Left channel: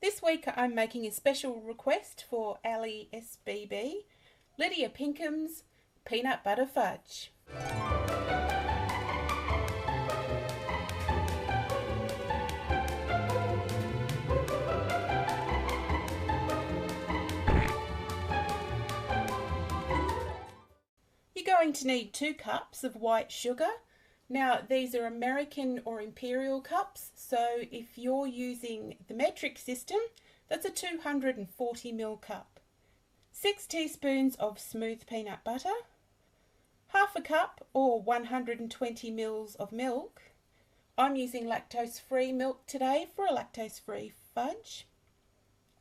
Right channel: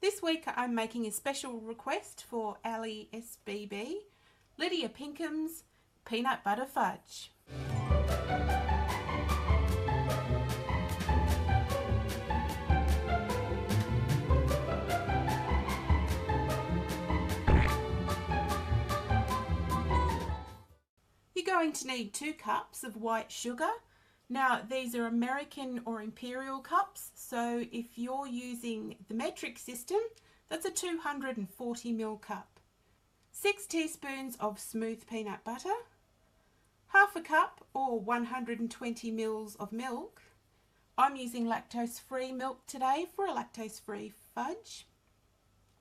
This week I'm making a special request for AlleySbb, Lydia Pinkham's Peanut Butter Fudge. You're going to need 2 cups of white sugar. Now these are American or imperial cups, so if you're using the metric system, that's a 240ml cup. 6 teaspoons of smooth peanut butter, half a cup or 120 ml of milk. I'm using lactose-free milk today for a lactose-free fudge.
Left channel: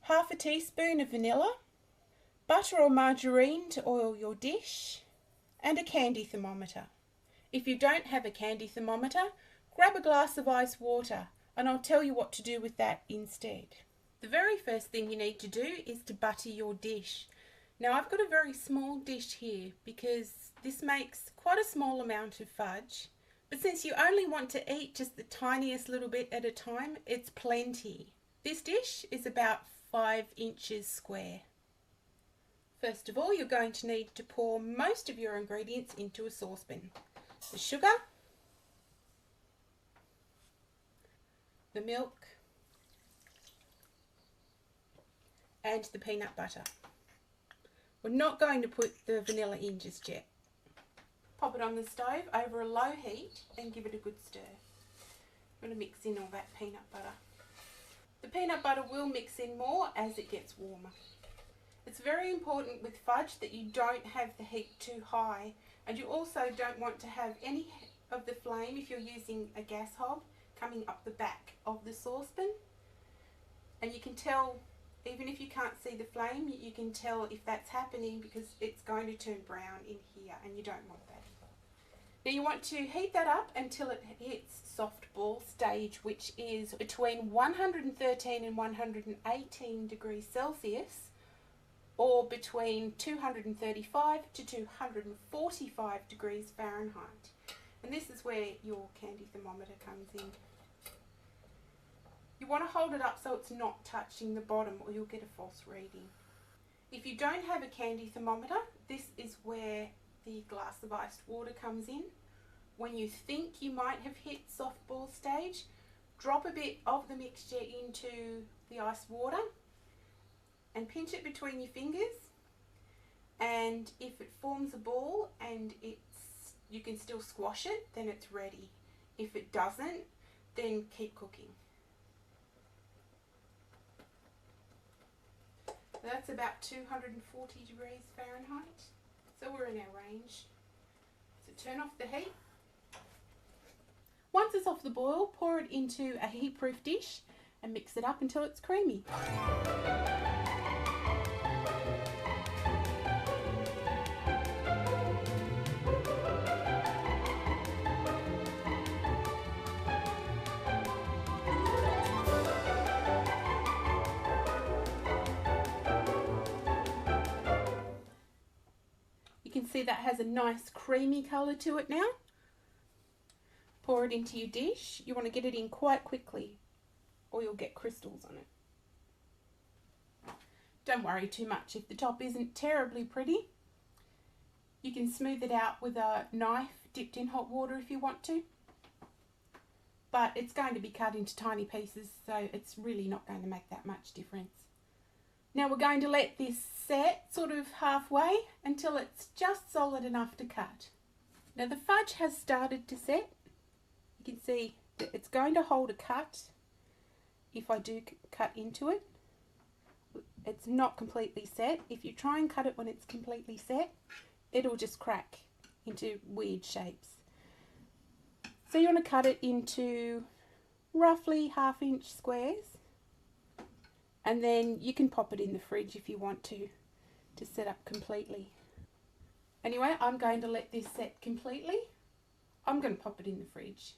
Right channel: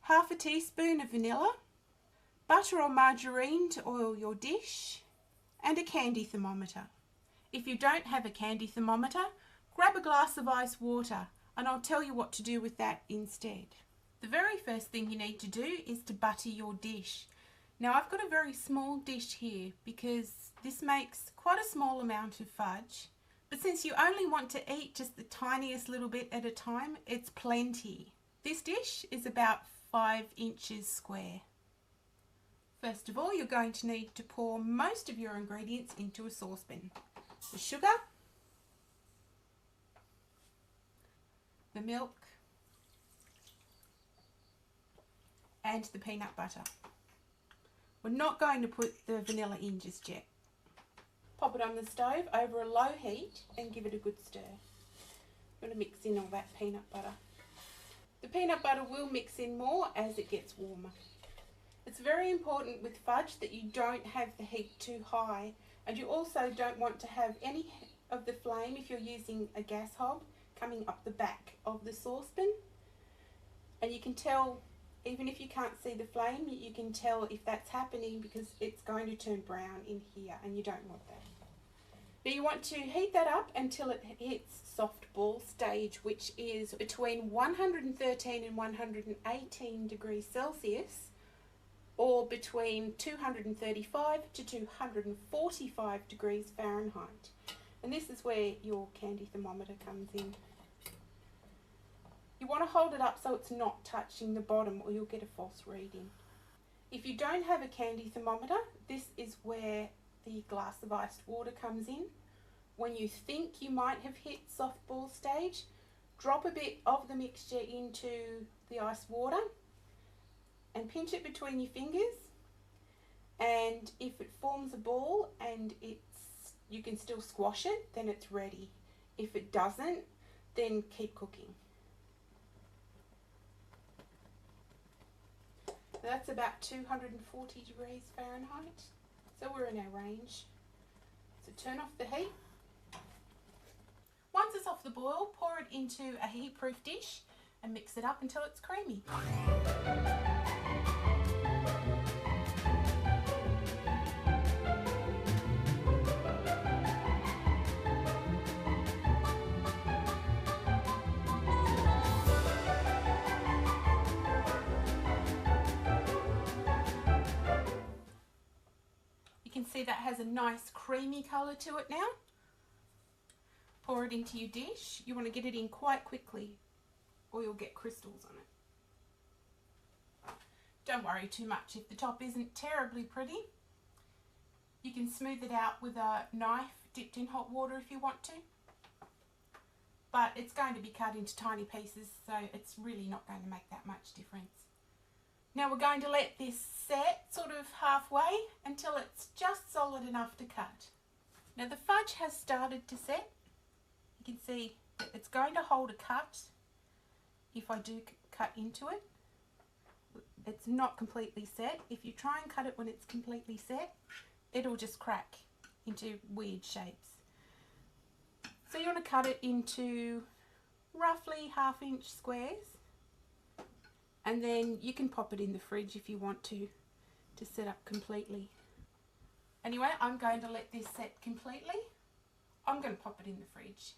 Half a teaspoon of vanilla, butter or margarine to oil your dish, and a candy thermometer. If you don't have a candy thermometer, grab a glass of ice water and I'll tell you what to do with that instead. The very first thing you need to do is to butter your dish. Now I've got a very small dish here because this makes quite a small amount of fudge, but since you only want to eat just the tiniest little bit at a time, it's plenty. This dish is about 5 inches square. First of all, you're going to need to pour most of your ingredients into a saucepan. The sugar, the milk, and the peanut butter. We're not going to put the vanilla in just yet. Pop it on the stove over a low heat and give it a good stir. I'm going to mix in all that peanut butter. The peanut butter will mix in more as it gets warmer. It's very important with fudge that you don't have the heat too high, and you also don't want to have any of the flame, if you're using a gas hob, coming up the back of the saucepan. And you can tell, even if you can't see the flame, you can tell if that's happening because it's going to turn brown in here and you don't want that. Now you want to heat that up until it hits soft ball stage, which is between 113 and 118 degrees Celsius, or between 235 to 245 degrees Fahrenheit. And this is where your candy thermometer comes in. You want to hold it up so it's not touching the bottom or you'll get a false reading. If you don't have a candy thermometer, this is where the glass of iced water comes in. When you think you might have hit soft ball stage, drop a bit of the mixture into the ice water and pinch it between your fingers, and if it forms a ball and you can still squash it, then it's ready. If it doesn't, then keep cooking. That's about 240 degrees Fahrenheit, so we're in our range. So turn off the heat. Once it's off the boil, pour it into a heat-proof dish and mix it up until it's creamy. You can see that has a nice creamy colour to it now. Pour it into your dish. You want to get it in quite quickly or you'll get crystals on it. Don't worry too much if the top isn't terribly pretty. You can smooth it out with a knife dipped in hot water if you want to. But it's going to be cut into tiny pieces, so it's really not going to make that much difference. Now we're going to let this set sort of halfway until it's just solid enough to cut. Now the fudge has started to set. You can see that it's going to hold a cut if I do cut into it. It's not completely set. If you try and cut it when it's completely set, it'll just crack into weird shapes. So you want to cut it into roughly 1/2 inch squares, and then you can pop it in the fridge if you want to set up completely. Anyway, I'm going to let this set completely. I'm going to pop it in the fridge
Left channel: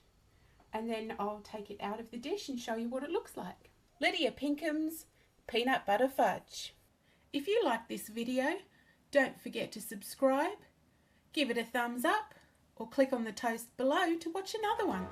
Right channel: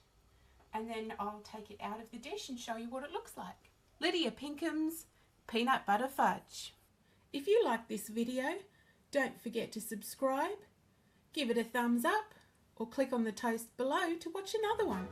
and then I'll take it out of the dish and show you what it looks like. Lydia Pinkham's Peanut Butter Fudge. If you like this video, don't forget to subscribe, give it a thumbs up, or click on the toast below to watch another one.